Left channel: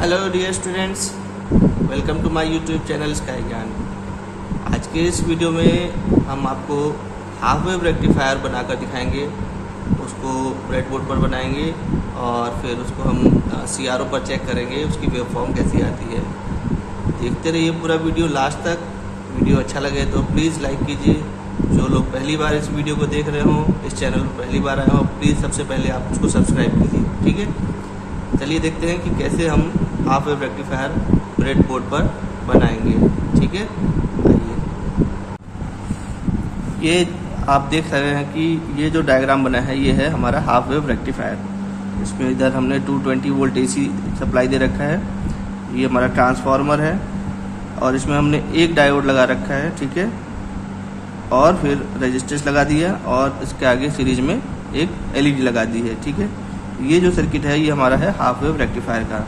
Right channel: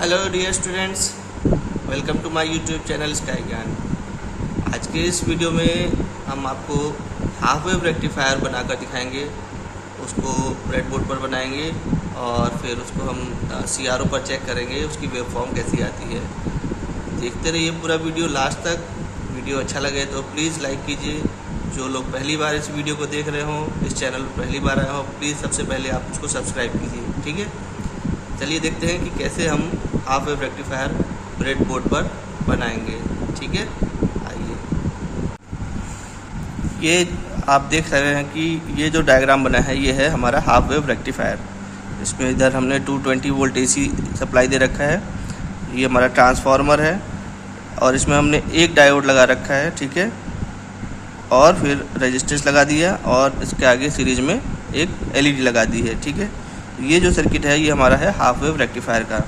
Hello dear students, welcome to my YouTube channel Sky Gyan. आज के इस वीडियो में हम आपको हाफ वेव रेक्टिफायर बनाकर दिखाएंगे। उसको ब्रेडबोर्ड पर बनाएंगे और फिर उसको हम CRO पर चेक करेंगे उसकी वेवफॉर्म कैसी आती है। देखते रहिए पूरा वीडियो लास्ट तक। वीडियो अच्छा लगे तो प्लीज़ लाइक कीजिए। जो लोग पहली बार इस वीडियो को देख रहे हों, इस चैनल पर पहली बार आए हों, प्लीज़ सबसे पहले आप उसको सब्सक्राइब कीजिए। ठीक है, चलिए देखते हैं कि कैसे हम हाफ वेव रेक्टिफायर ब्रेडबोर्ड पर बनाएंगे। ठीक है, आइए। ये आप देख सकते हैं कि ये जो डायग्राम बना है ये है हमारा हाफ वेव रेक्टिफायर। इसमें इधर हमने 220 वोल्ट AC सप्लाई दे रखा है। ये हमारा ट्रांसफार्मर है और इसमें हमने एक डायोड लगा रखा है। ठीक है, और फिर रेजिस्टेंस लगा दिया और इसके आगे सीरीज में एक LED लगा दी है। ठीक है, ये जो सर्किट है ये हमारा है हाफ वेव रेक्टिफायर का।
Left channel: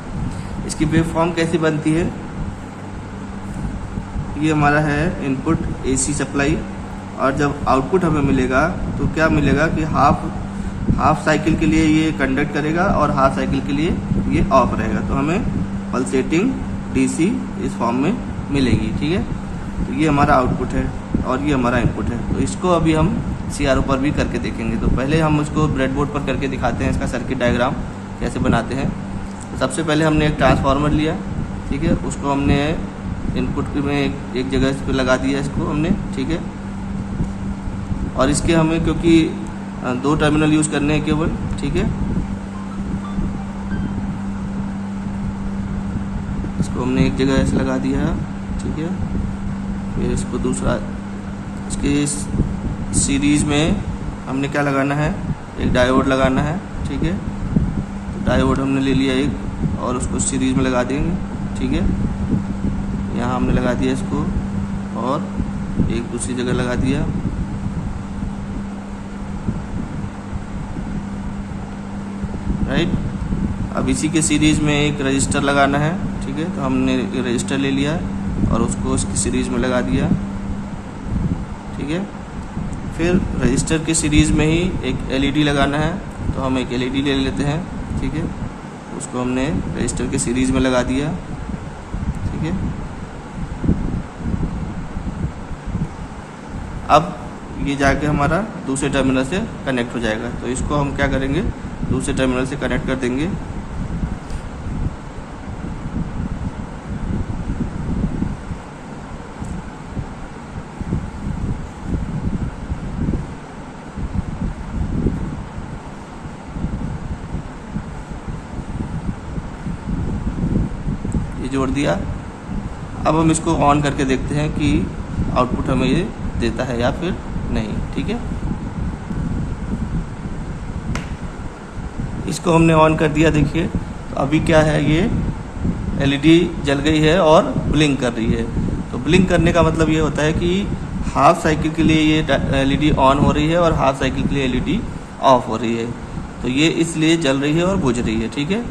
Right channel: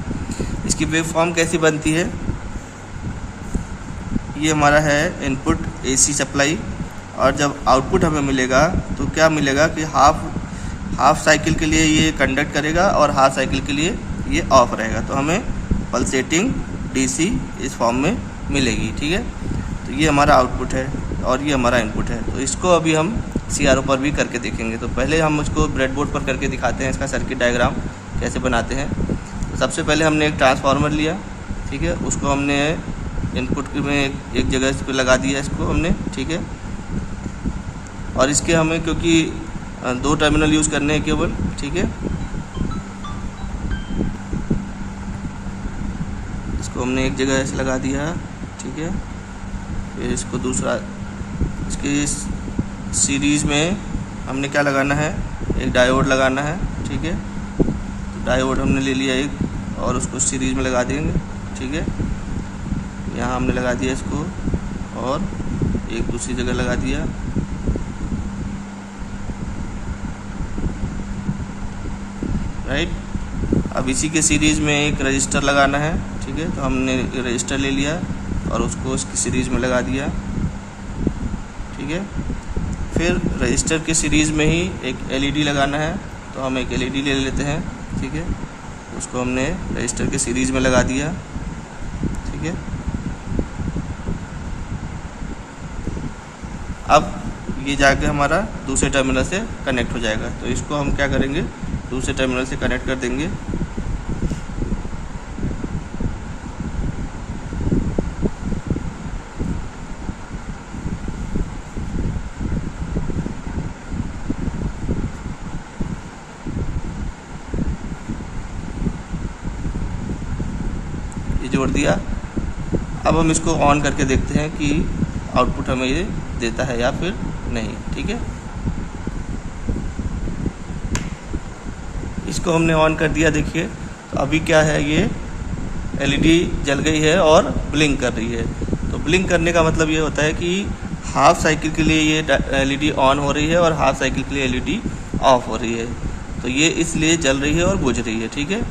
इसकी वेव फॉर्म कैसी बनती है, ये हमारा है इनपुट AC सप्लाई, और जब आउटपुट हमें मिलेगा तो क्या मिलेगा कि हाफ साइकिल के लिए ये कंडक्ट करेगा और हाफ साइकिल के लिए ये ऑफ रहेगा। तो हमें पल्सेटिंग DC इस फॉर्म में मिलेगी। ठीक है, तो ये हमारा आउटपुट है और ये हमारा इनपुट है। तो इसको अभी हम CRO पर भी करके देखेंगे। तो पहले हम उसको ब्रेडबोर्ड पर करके दिखाते हैं इसका सर्किट डायग्राम कैसे बनाते हैं। तो सबसे पहले हमने एक ट्रांसफार्मर लिया। ठीक है, उसको हमने इनपुट में एक जगह इस पर लगा दिया इसको हमने। ठीक है, और इसके हमें क्योंकि 2 टर्मिनल यूज़ करने हैं केवल। ठीक है, इसको हमने एक जगह ऐसे लगा दिया। ठीक है, फिर इसको दूसरा इसके सीरीज़ में हमने क्या लगाना है, एक डायोड लगाना है। ठीक है, तो डायोड हमने ले लिया एक और उसको सीरीज़ में लगा देंगे। ठीक है, यहाँ हमने लगा दिया इसको और एक दूसरी जगह लगा दिया। राइट, अब इसी के सीरीज़ में एक रजिस्टर लगाना है। ठीक है, तो हमने रजिस्टर ले लिया और उसको उसकी सीरीज़ में लगा दिया। ठीक है, फिर रजिस्टर के सीरीज़ में ही एक LED लगाना है, तो हम एक LED ले लेते हैं। ठीक है, उसको हमने रजिस्टर के सीरीज़ में लगा दिया। ठीक है, अब ये जाके हमारा दूसरे टर्मिनल से कनेक्ट हो जाएगा। तो इसको हम क्या करेंगे, दूसरे टर्मिनल से कनेक्ट कर देंगे। जोड़ दिया। अब हम इसको ऑन करके देखते हैं कि आउटपुट हमें ये देता है या फिर नहीं। ठीक है, इसको हमने ऑन कर दिया। देखिए तो अभी क्या है, ये LED जल गई है और ब्लिंक कर रही है। तो ब्लिंक करने का मतलब ये होता है कि हाफ साइकिल के लिए ये LED ऑन हो रही है और हाफ साइकिल के लिए LED ऑफ हो रही है। तो ये इसलिए जल रही है और बुझ रही है। ठीक है,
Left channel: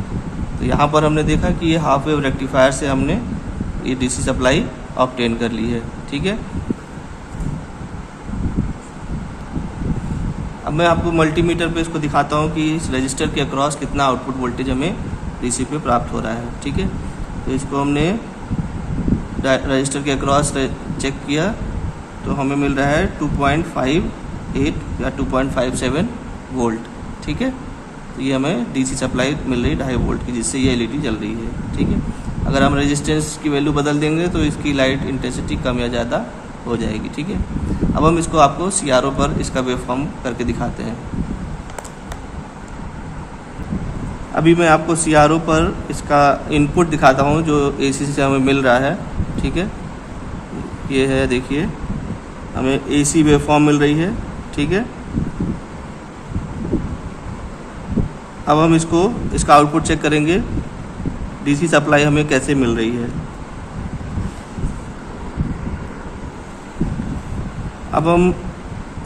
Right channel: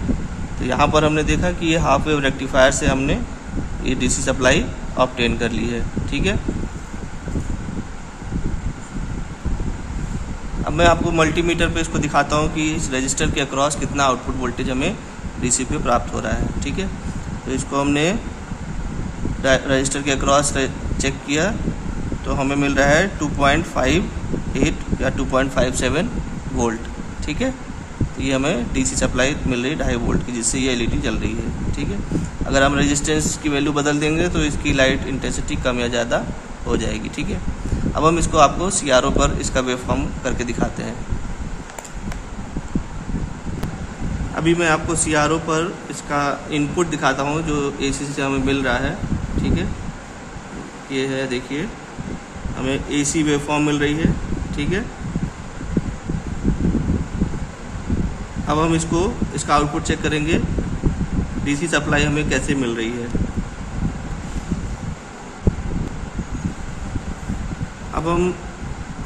तो यहाँ पर हमने देखा कि ये हाफ वेव रेक्टिफायर से हमने ये DC सप्लाई ऑब्टेन कर ली है। ठीक है, अब मैं आपको मल्टीमीटर पे इसको दिखाता हूँ कि इस रजिस्टर के अक्रॉस कितना आउटपुट वोल्टेज हमें DC पे प्राप्त हो रहा है। ठीक है, तो इसको हमने रजिस्टर के अक्रॉस चेक किया तो हमें मिल रहा है 2.58 या 2.57 वोल्ट। ठीक है, तो ये हमें DC सप्लाई मिल रही है 2.5 वोल्ट की, जिससे ये LED जल रही है। ठीक है, अगर हम रेजिस्टेंस की वैल्यू बदल देंगे तो इसकी लाइट इंटेंसिटी कम या ज़्यादा हो जाएगी। ठीक है, अब हम इसको आपको CRO पर इसका वेवफॉर्म करके दिखाते हैं। अभी मैं आपको CRO पर इसका इनपुट दिखाता हूँ जो AC से हमें मिल रहा है। ठीक है, ये है, देखिए हमें AC वेवफॉर्म मिल रही है। ठीक है, अब हम इसका आउटपुट चेक करेंगे DC सप्लाई हमें कैसे मिल रही है। अब हम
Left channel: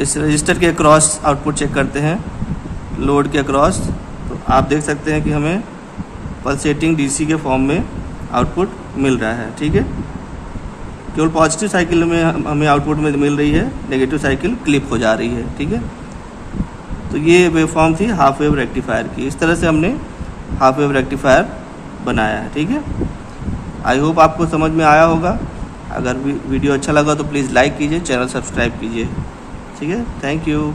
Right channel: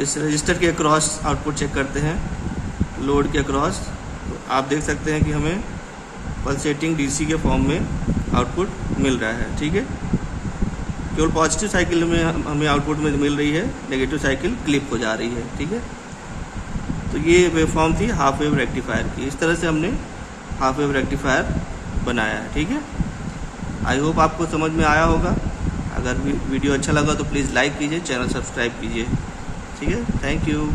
इस रजिस्टर के अक्रॉस आउटपुट चेक करते हैं, लोड के अक्रॉस। तो आप देख सकते हैं कि हमें पल्सेटिंग DC के फॉर्म में आउटपुट मिल रहा है। ठीक है, केवल पॉजिटिव साइकिल में हमें आउटपुट में मिल रही है, नेगेटिव साइकिल क्लिप हो जा रही है। ठीक है, तो ये वेवफॉर्म थी हाफ वेव रेक्टिफायर की। इस तरह से हमने हाफ वेव रेक्टिफायर बनाया है। ठीक है, आई होप आपको समझ में आया होगा। अगर वीडियो अच्छा लगा तो प्लीज़ लाइक कीजिए, चैनल सब्सक्राइब कीजिए। ठीक है, थैंक यू।